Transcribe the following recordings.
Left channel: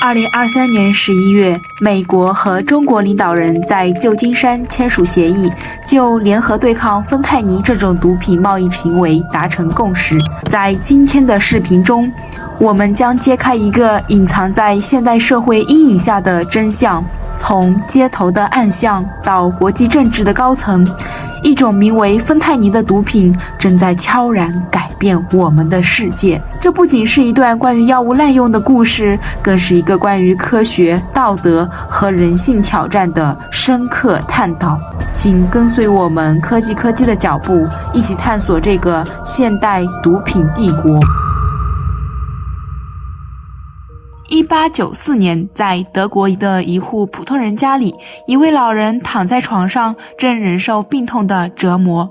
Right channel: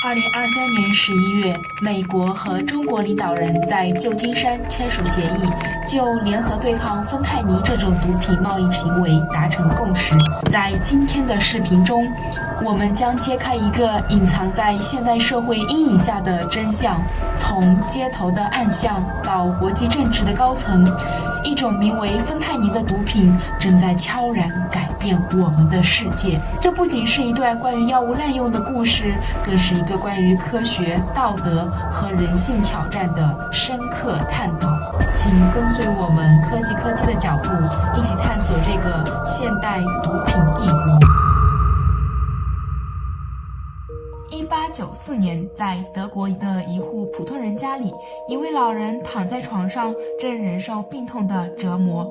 2023年11月，美国和中国领导人在旧金山签署协议，就联合对抗芬太尼这种毒品贸易行为达成共识。在今天的视频中，我们将揭开一个隐藏在现代社会阴影下的真相，从街头的暗巷到国际政治的高层，一种名为芬太尼的毒品正在悄然改变我们的世界。这不仅是一段关于药物滥用的故事，更是一个关于科学、道德和人性挑战的深刻探讨。请跟随我们科技的脚步，一起探索这个现代毒品帝国。1894年，在德国的一户普通人家里，一位老人躺在床上，正忍受病痛的折磨。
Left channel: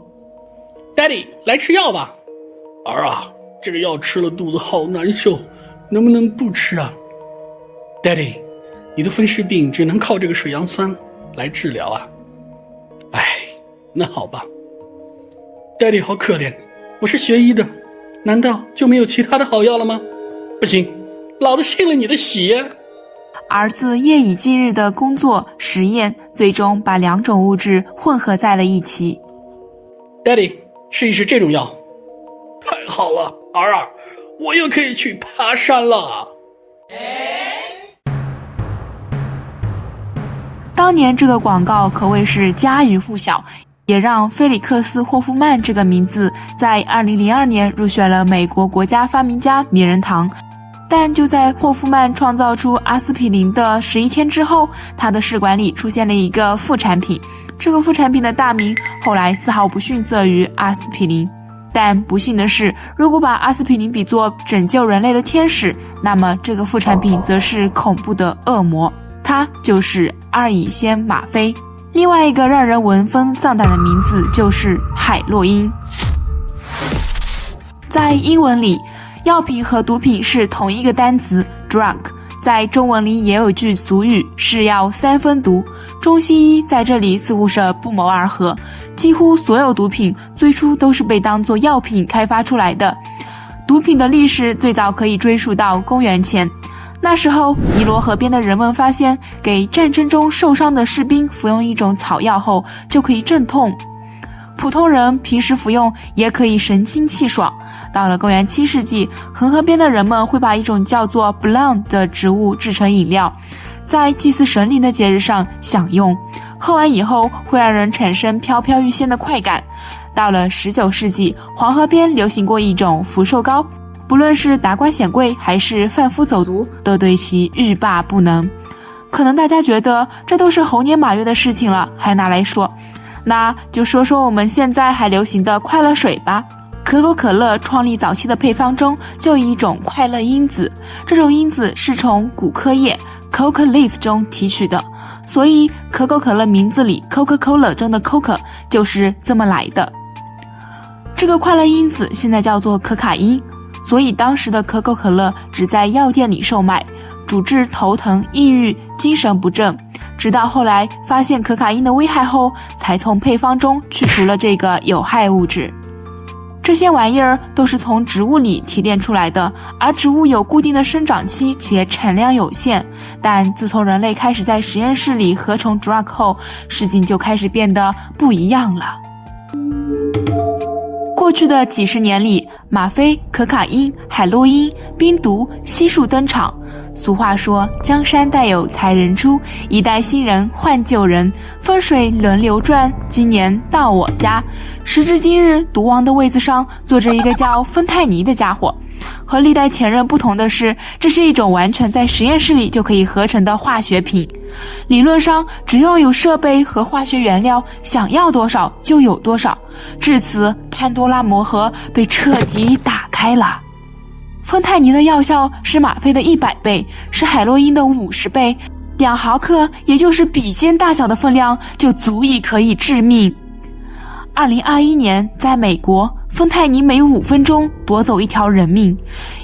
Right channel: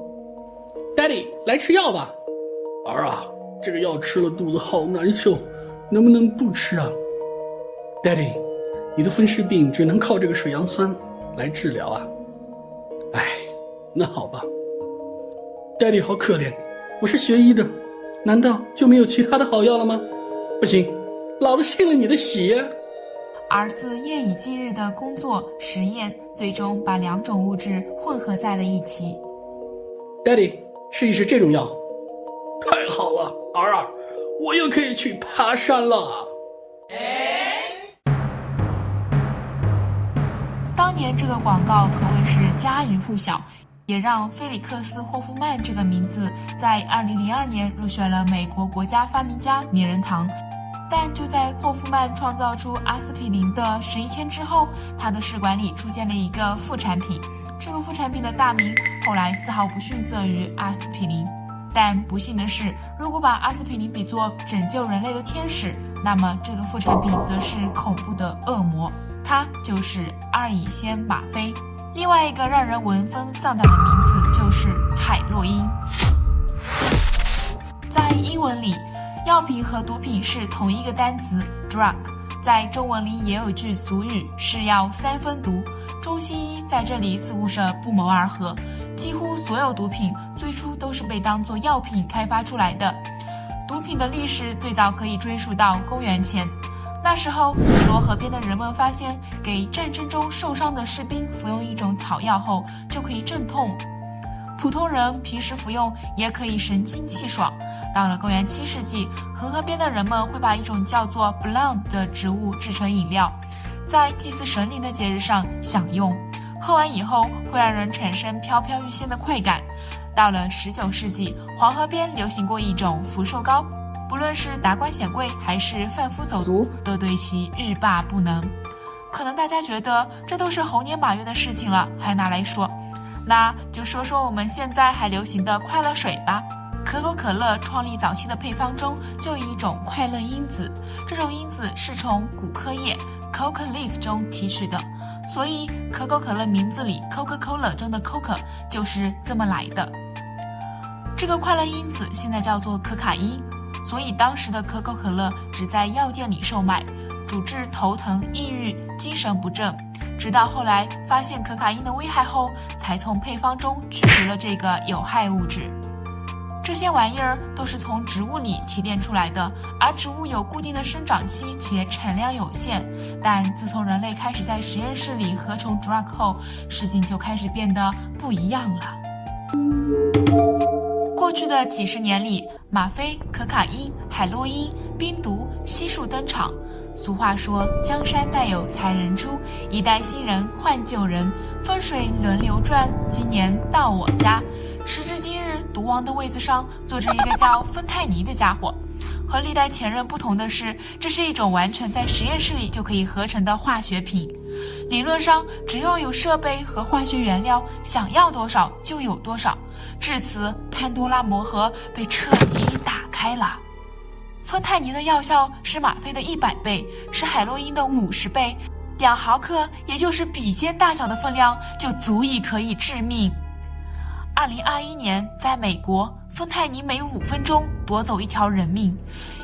Daddy， 来吃药吧。儿啊，这个药吃了肚子好难受，能不能不吃啊？ Daddy， 你的风湿病只能靠这个水杨酸来治疗啊。哎，那好吧。Daddy 好可怜，我是学医的，难道就没有其他的好药了吗？不行，老子信了你的邪。儿子夜以继日的工作实验，最终把两种物质混合在了一起。Daddy， 试一试这种药。太好了，儿啊，我又可以去爬山了。当年这个广告可谓是家喻户晓，也让菲利克斯·霍夫曼这个名字在2002年入选了美国国家发明家名人堂。但就在霍夫曼创造出阿司匹林的11天之后，他的试管里出现了一个副产品，这个副产品的大名后来丝毫不逊色于阿司匹林。但不幸的是，如果把阿司匹林比作拯救人类的天使，那么这个副产品则是恐怖的恶魔，它就是阿乙酰吗啡。另外一个让人闻风丧胆的名字就是海洛因。在英文里，药品和毒品是同一个单词 drug， 在中文里也有句俗语，是药三分毒。中西医在这里似乎是不谋而合，几乎所有毒品最初都是被当作药品开发出来的。毒品的历史最早可以追溯到公元前，那时候尼罗河边的人们发现，给战争中受伤的士兵服用一种草药后就可以镇痛，普通人平时服用也可以神清气爽。到了公元7世纪，恒河边的人们会把一种叫做 Blanc 的植物制成饮料，在祭祀神灵的节日上享用，喝完以后会让人产生飘飘欲仙的快感。到了19世纪，黄河边流行过一种福寿膏，不论是达官显贵还是贩夫走读，都对其欲罢不能。可能大家觉得这都是猴年马月的事情了，还拿来说，那就说说我们现在还流行的快乐水吧。可口可乐创立早期的配方中就有一种快乐因子，这种因子是从古柯叶 Coca leaf 中提取的，所以可口可乐名字里 Coca-Cola 中的 Coca 就是这么来的。这个快乐因子现在叫做可卡因，所以当时的可口可乐只在药店里售卖，主治头疼、抑郁、精神不振。直到后来发现可卡因的危害后，才从配方中去除了这个有害物质。这些玩意儿都是从植物里提炼出来的，而植物有固定的生长期且产量有限。但自从人类开始在实验室里合成 drug 后，事情就开始变得不一样了。过去的几十年里，吗啡、可卡因、海洛因、冰毒悉数登场。俗话说，江山代有才人出，一代新人换旧人，风水轮流转，今年到我家。时至今日，毒王的位子上坐着一个叫芬太尼的家伙。和历代前任不同的是，这是一种完全在实验室里就可以合成的化学品。理论上，只要有设备和化学原料，想要多少就有多少。至此，潘多拉魔盒被彻底打开了。芬太尼的药效是吗啡的100倍，是海洛因的50倍，2毫克，也就是笔尖大小的分量，就足以可以致命。2021年，在美国，芬太尼每5分钟夺走1条人命。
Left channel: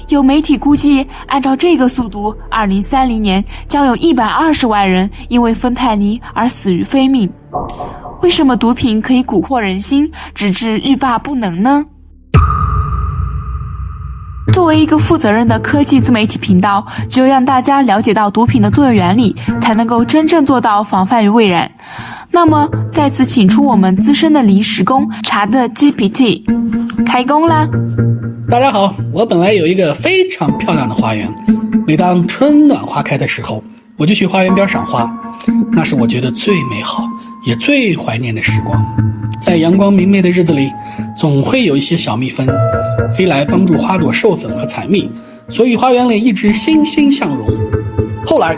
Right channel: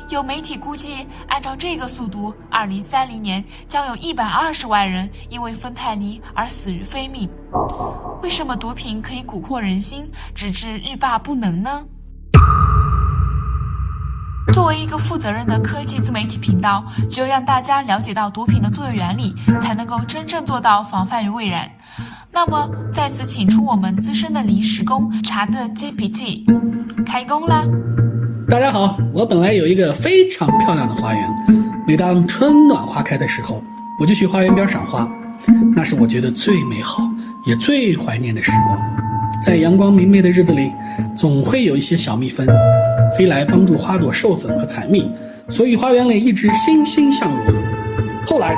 有媒体估计，按照这个速度，2030年将有120万人因为芬太尼而死于非命。为什么毒品可以蛊惑人心，直至欲罢不能呢？作为一个负责任的科技自媒体频道，只有让大家了解到毒品的作用原理，才能够真正做到防范于未然。那么再次请出我们资深的临时工查的 GPT， 开工啦！大家好，我本来有一个非常漂亮的花园，每当春暖花开的时候，我就去花园边赏花，那是我觉得最美好也最怀念的时光。在阳光明媚的日子里，总会有一些小蜜蜂飞来帮助花朵授粉和采蜜，所以花园里一直欣欣向荣。后来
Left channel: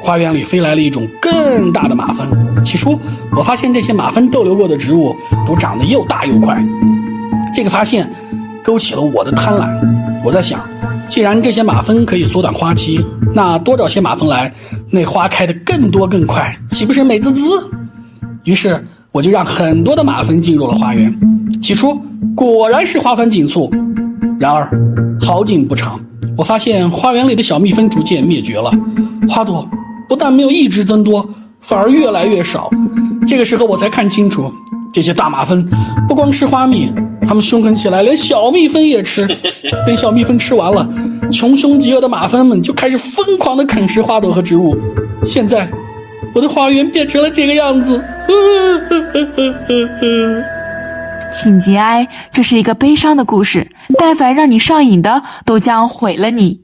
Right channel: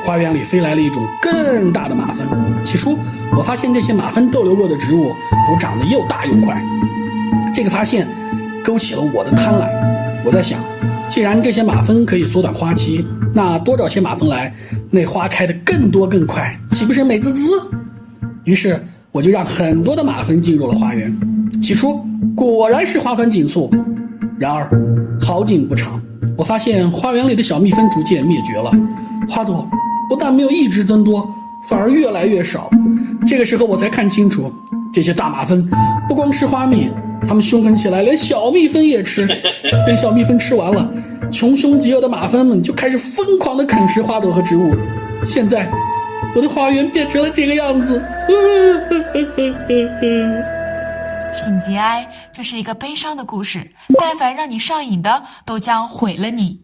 花园里飞来了一种更大的马蜂，起初我发现这些马蜂逗留过的植物都长得又大又快，这个发现勾起了我的贪婪。我在想，既然这些马蜂可以缩短花期，那多找些马蜂来，那花开得更多更快，岂不是美滋滋？于是我就让很多的马蜂进入了花园。起初果然是花繁锦簇，然而好景不长，我发现花园里的小蜜蜂逐渐灭绝了，花朵不但没有一直增多，反而越来越少。这个时候我才看清楚，这些大马蜂不光吃花蜜，它们凶狠起来连小蜜蜂也吃。等小蜜蜂吃完了，穷凶极恶的马蜂们就开始疯狂地啃食花朵和植物。现在我的花园变成了这个样子。请节哀，这是一个悲伤的故事，但凡让你上瘾的都将毁了你。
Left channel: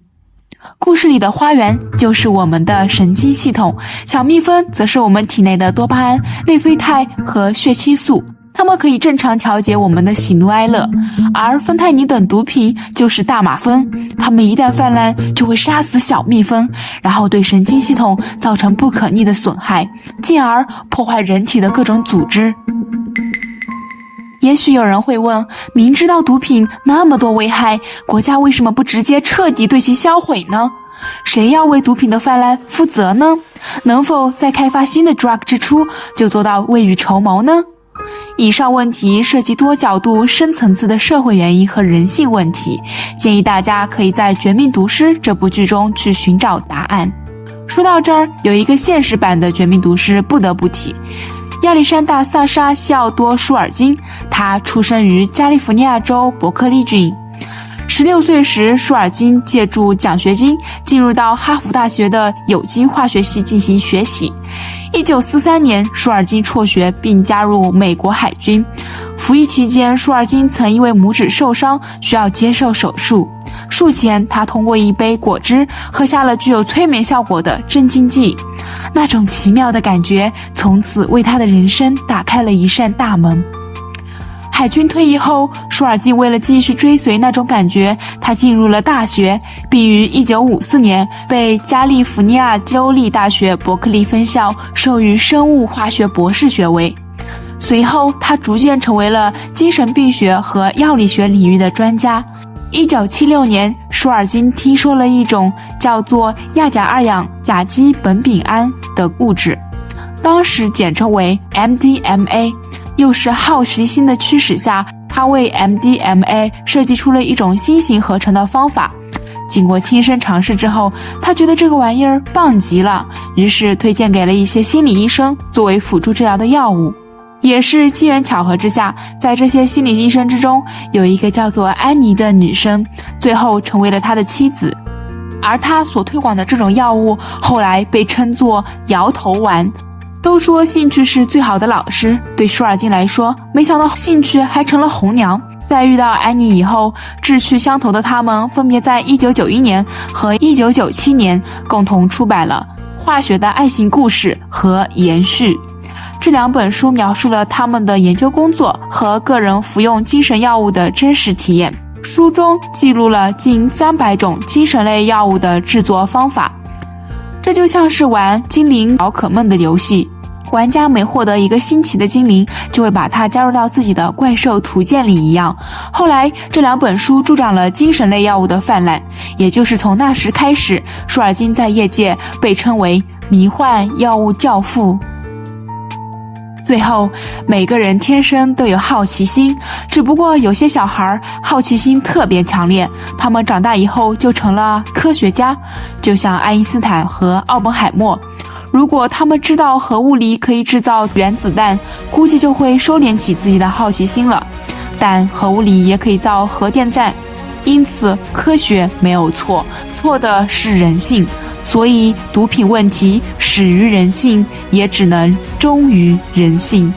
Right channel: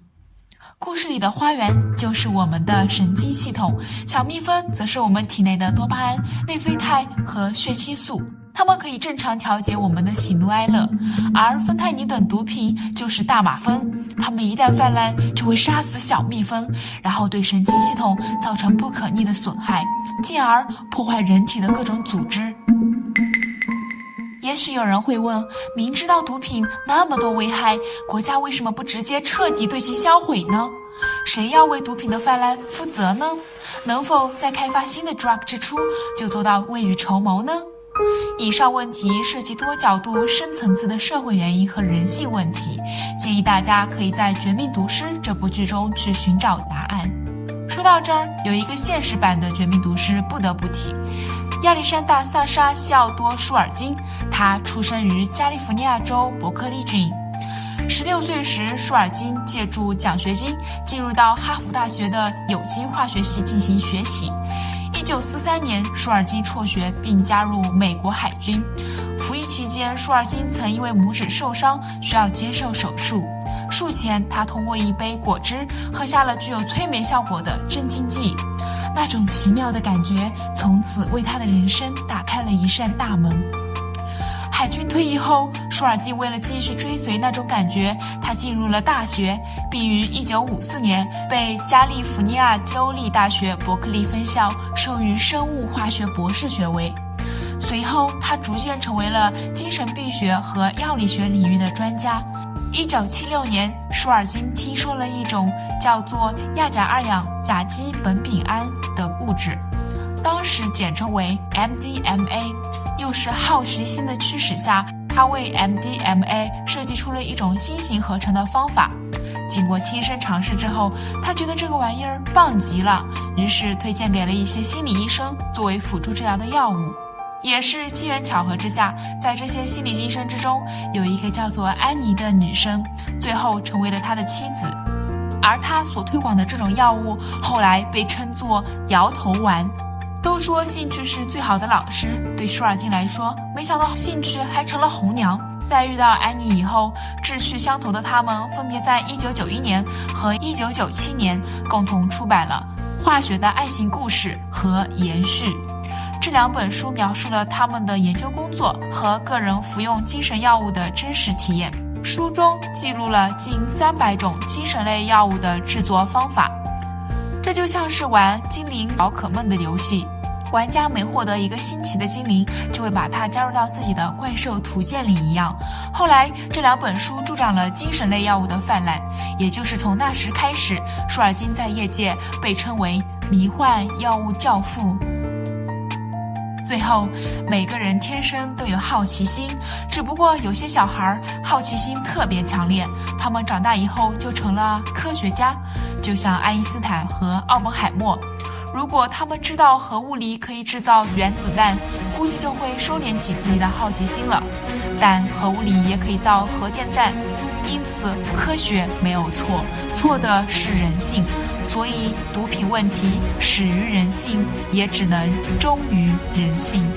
故事里的花园就是我们的神经系统，小蜜蜂则是我们体内的多巴胺、内啡肽和血清素，它们可以正常调节我们的喜怒哀乐。而芬太尼等毒品就是大马蜂，它们一旦泛滥就会杀死小蜜蜂，然后对神经系统造成不可逆的损害，进而破坏人体的各种组织。也许有人会问，明知道毒品那么多危害，国家为什么不直接彻底对其销毁呢？谁要为毒品的泛滥负责呢？能否在开发新的 drug 之初就做到未雨绸缪呢？以上问题涉及多角度、深层次的社会原因和人性问题，建议大家可以在《绝命毒师》这部剧中去寻找答案。说到这儿，有一个现实版的《绝命毒师》不得不提。亚历山大·萨沙·西奥多·舒尔金，他出生于加利福尼亚州伯克利郡。16岁时，舒尔金借助奖学金进入到哈佛大学的有机化学系进行学习。1943年，舒尔金辍学并加入美国海军。服役期间，舒尔金曾因为拇指受伤需要接受手术。术前，他通过一杯果汁喝下了具有催眠效果的镇静剂。那种奇妙的感觉从此为他的人生打开了一扇大门。海军退役后，舒尔金为了继续追随那种感觉，他进入了大学，并于1954年被加利福尼亚州立大学伯克利分校授予生物化学博士学位。随后，他逐渐成为了精神病学和药理学领域的专家。1976年，舒尔金听说了一种叫做亚甲二氧甲基苯丙胺的物质，当时简称为 MDMA。又是好奇心的驱使下，他为 MDMA 设计出了一种新型合成的方法。经过亲身尝试之后，他觉得这个玩意儿棒极了，于是推荐给了一些心理医生作为辅助治疗的药物。也是机缘巧合之下，在这些心理医生之中，有一个叫做安妮的女生，最后成为了他的妻子。而他所推广的这种药物，后来被称作摇头丸。都说兴趣是最好的老师，对舒尔金来说，没想到兴趣还成了红娘。在遇到安妮以后，志趣相投的他们分别在1991年和1997年共同出版了《化学的爱情故事》和《延续》。这两本书描述了他们的研究工作和个人服用精神药物的真实体验。书中记录了近300种精神类药物的制作方法。这就像是玩精灵宝可梦的游戏，玩家每获得一个新奇的精灵，就会把它加入到自己的怪兽图鉴里一样。后来这两本书助长了精神类药物的泛滥，也就是从那时开始，舒尔金在业界被称为迷幻药物教父。最后，每个人天生都有好奇心，只不过有些小孩好奇心特别强烈，他们长大以后就成了科学家，就像爱因斯坦和奥本海默。如果他们知道核物理可以制造原子弹，估计就会收敛起自己的好奇心了。但核物理也可以造核电站，因此科学没有错，错的是人性。所以毒品问题始于人性，也只能终于人性。